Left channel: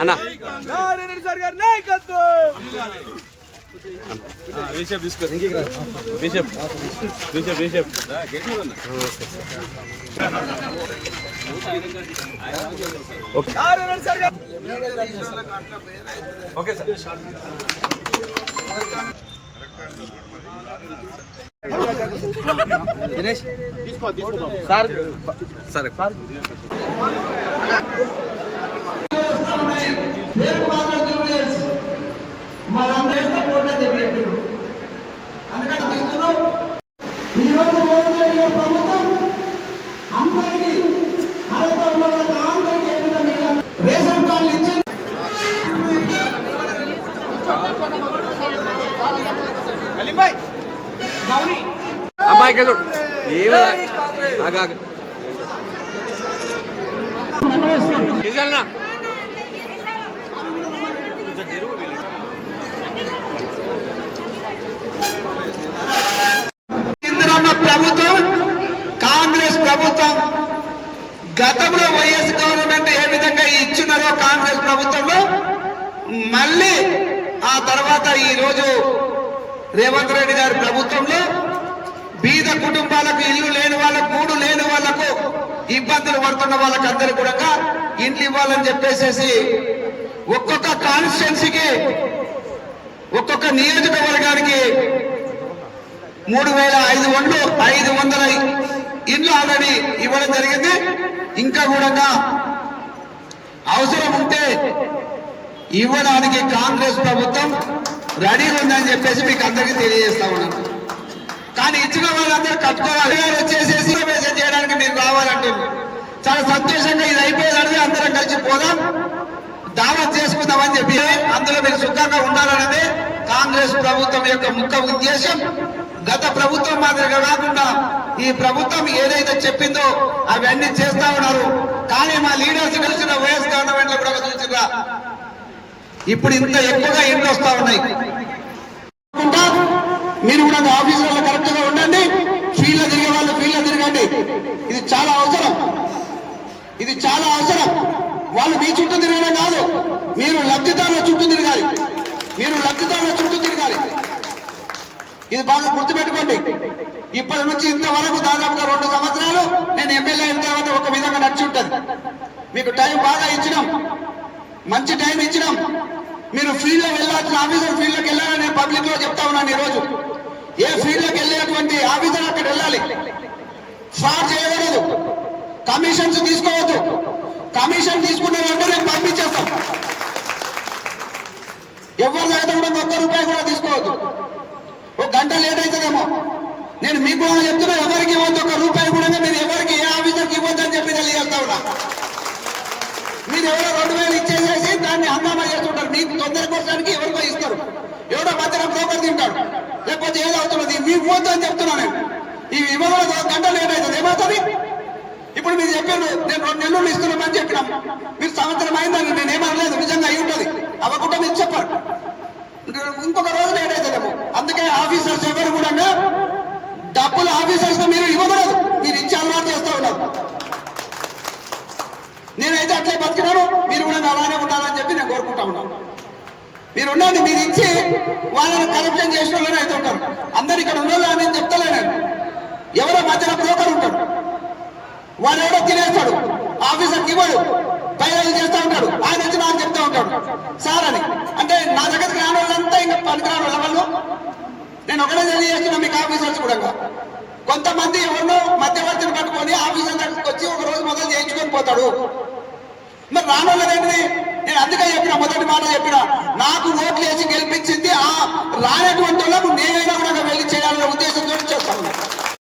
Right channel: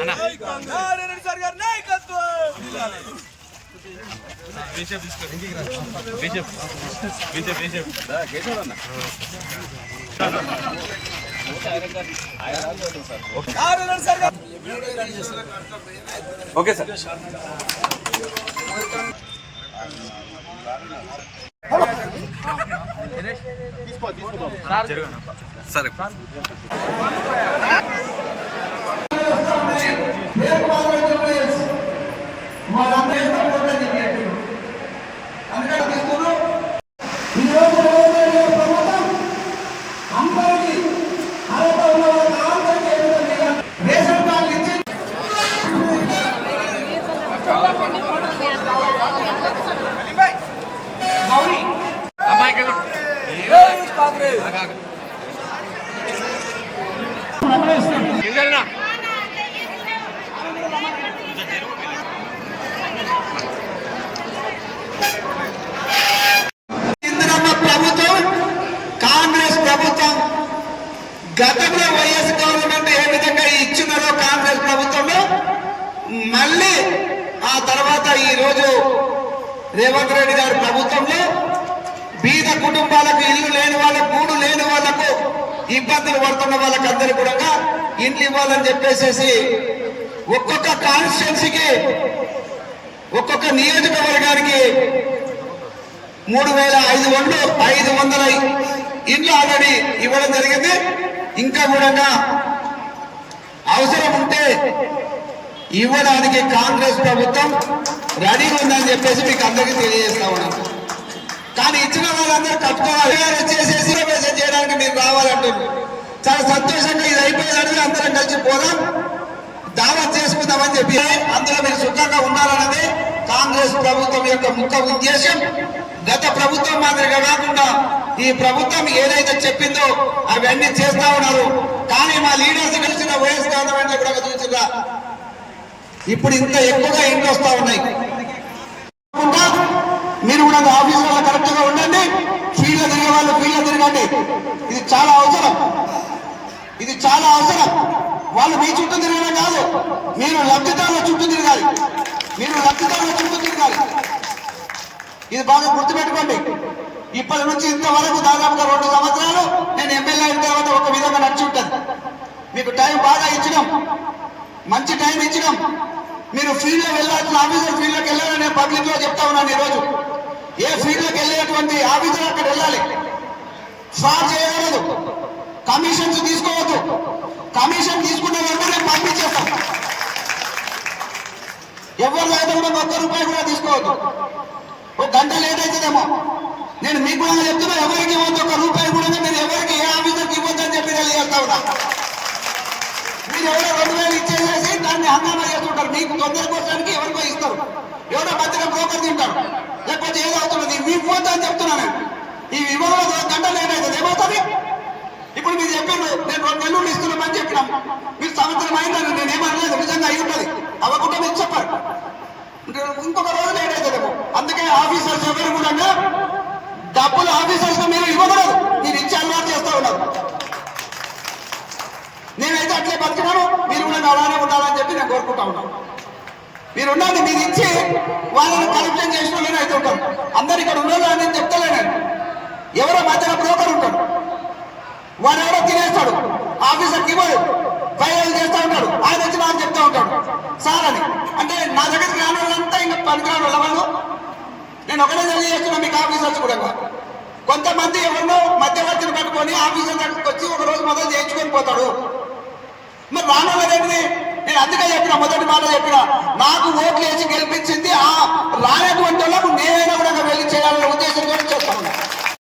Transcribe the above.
అన్న okay sir. సరే అమ్మాయి ప్రభుత్వం కాంగ్రెస్ ప్రభుత్వం గతంలో వైఎస్ గవర్నమెంట్ ఏ విధంగా ఇచ్చినారో కాంగ్రెస్ ప్రభుత్వంలో మళ్ళీ ఆ తర్వాత ఈ రోజు రేవంత్ రెడ్డి గారి ప్రభుత్వంలో బీద కుటుంబాలకు ఇల్లు లేని వాళ్ళకు గూడు లేని వాళ్లకు ఇబ్బందులు పడుతున్న వాళ్ళకి అందరూ కూడా ఇండ్లు ఇవ్వాలని చెప్పేసి ఒక్కొక్క కాన్స్టిట్యున్సీకి ఒక్కొక్క నియోజకవర్గానికి 3,500 ఇండ్లు ఆల్రెడీ ఇవ్వడం జరిగింది. ఇంకా కూడా అవసరం ఉంటే ఇవ్వడానికి కాంగ్రెస్ ప్రభుత్వం రెడీ ఉందని చెప్పేసి మీకు అందరికీ తెలియజేస్తా ఉన్నాను. కానీ ఇచ్చిన వాళ్ళందరూ కట్టుకోవాలి చేసేసి మెసేజ్ చేయడానికి మీరు రావాలంటున్నారు. చాలా సంతోషంగా ఇది అయిపోయేదానికి అందరం కలిసి పోదాం, దావత్ చేసుకుందామని చెప్పి అందులో మీరు సుఖంగా ఉండాలన్నది కాంగ్రెస్ ప్రభుత్వం యొక్క ముఖ్య ఉద్దేశం. గత ప్రభుత్వం మాదిరిగా కాకుండా ఈ ప్రభుత్వం ఏదైతే చెప్పిందో అవన్నీ చేస్తా ఉన్నారు. కానీ మా లీడర్స్ కలిసిన వైఎస్ గవర్నమెంట్ లో కూడా చూసిరా ఇప్పుడు ఇంత ఎక్కువగా ఇంట్లో వస్తా ఉన్నాయి. మీరు కూడా ఆఫీసులో కరెక్ట్ గా ఉండండి, ఫీల్డ్ తిరిగే వాళ్ళు ఫీల్డ్ తిరగండి. ఇది చాలా అవసరం, ఇది చాలా అవసరం. వాళ్ళు మీ చుట్టూ తిరగడం కాదు, మీరు లబ్ధిదారుల చుట్టూ తిరగాలి, మీరు లబ్ధిదారుల చుట్టూ తిరగాలి. ఇది బాగా గుర్తుపెట్టుకోండి. ఇప్పటి నుంచి ఇంతవరకు దాదాపుగా 2 సంవత్సరాలు నేను ఎమ్మెల్యే అయిన తర్వాత ఒక విధంగా నడిచి ఉంటుంది. మీకు టైం బాగా ఇచ్చినాం, మంచి టైం ఇచ్చినాం. మీరు ఫీల్డ్ లో వెళ్ళాల్సిన ఆఫీసర్ ఫీల్డ్ లోకి వెళ్ళాలని నేను పబ్లిక్ లో చెప్తా ఉన్నాను. ఈ రోజు ఏ ఫీల్డ్ లోకి వెళ్ళేటువంటి ఆఫీసర్ అక్కడ వెళ్ళాలి, ఫ్రాడ్ చేయకూడదు, కమిషన్స్ తీసుకోవద్దు. కమిషన్ తీసుకునే వాళ్ళు నేను పంపించేస్తాం. ఎవరు లేదా కూడా ₹1 కూడా తీసుకోవద్దు. ఒక గంట లేట్ అవుతుందేమో, నేను మీకు కూడా చెప్తున్నా, ఎవరికి ఇవ్వద్దు, ₹1 కూడా మీరు ఎవరికి ఏ ఆఫీసర్కి ఇవ్వద్దు అని చెప్పి తెలియజేస్తా ఉన్నా. మీరు ఎవరో 2,000 ఇచ్చేసేసి దాన్ని హంగామా చేస్తుంటారు. మీకు తొందర కోసానికి ఎవరికో ఇస్తారు, ఎవరో మధ్యలో బ్రోకర్ తింటారు, లేకపోతే ఏదో అవుతున్నది మీకు పోద్దు అని చెప్తున్నాను. ఈ ఇవ్వడం గంట లేట్ అవుతుంది, ఏమవుతుంది? ఇప్పుడు మీరు చెప్పారు నేను 2 నెలలు ఇస్తున్నామని చెప్పినాం, మీరు సంవత్సరం అయిందని నేను ఏమనలేదు. నిజంగా అయి ఉంటుంది, అవ్వకుండా మీరు చెప్పారు. ఇంకొక రోజు లేట్ అవుతుందేమో. అందుకే ఆఫీసర్స్ ఎవరు కూడా డబ్బులు ఆఫీసర్స్ మీరు ఇవ్వకూడదు, మీరు ఇచ్చి అలవాటు చేస్తా ఉన్నారు. నేనైతే అట్లే బతికినాను, మీరు కూడా అలానే ఉండాలని చెప్పి నేను కోరుకుంటా ఉన్నాను. మీరు ఉండండి, మీరు ఇచ్చి వాళ్ళని కరప్షన్ చేసిన వాళ్ళని అయితే ఉంటారు. అందరు ఇక్కడ ఉండాలని నేను చెప్తలేను. ఎవరో మధ్యలో బ్రోకర్ ఉంటాడు, వాడు ఎవరో తినేస్తాడు, ఆఫీసర్కి ఇవ్వడు, ఫైనల్ చేస్తూ ఉంటాడు. ఆయన వచ్చి నాకు చెప్తా ఉంటాడు సార్ అని. అంటే నా దగ్గరికి రాని వాళ్ళంతా ఇంకా పనికిరాని వాళ్ళ వాళ్ళు. నేను ఒకటే తెలియజేస్తున్నా మీకు ఆఫీసర్స్ కూడా, కొంతమంది ఎవరినో మధ్యవర్తిని కట్టుకొని ఆఫీసర్ దగ్గరికి వచ్చి ఒక రోజు మొదలు చేయించుకొని పోతాడు. మరి రానోళ్ళేంటిది? నేను అందుకే చెప్పిన, మొదటి మాట చెప్పిన, నాకు ఓట్లు వేసి గెలిపించింది ఆ రానటువంటి వాళ్ళకు నేనైనా కూడా వెళ్ళి చేయాలనే ఉద్దేశంతో చేస్తా ఉన్నా.